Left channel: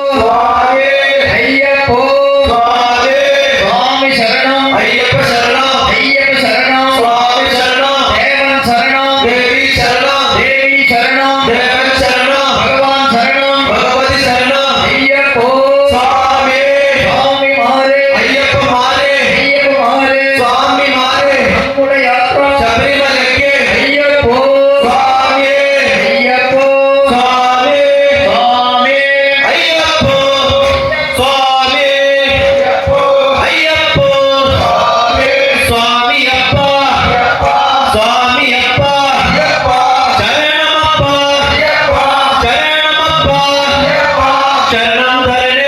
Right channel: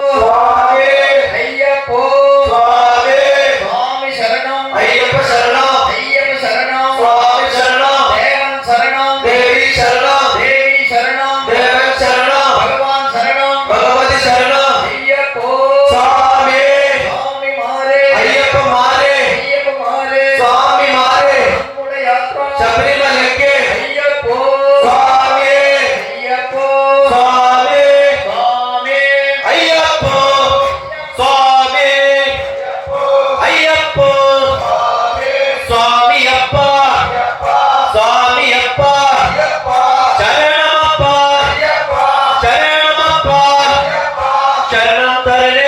சுவாமி ஐயப்போ சுவாமி சுவாமி சரணம் ஐயப்ப சரணம் ஐயப்ப சரணம் சுவாமி சரணம் தேவன் சரணம் தேவி சரணம் தேவி சரணம் தேவன் சரணம் பகவான் சரணம் பகவதி சரணம் ஐயப்போ சுவாமி சுவாமி மாரே ஐயப்ப மாரே ஐயப்ப மாரே சுவாமி மாரே நம்முடைய யாத்ரா சபரிமலைக்கு ஐயப்போ சுவாமி ஐயப்போ சுவாமி சுவாமி ஐயப்போ சுவாமி ஐயப்போ சுவாமி அப்பா சுவாமி அப்பா சரணமப்பா சரணமப்பா சரணம் தரணே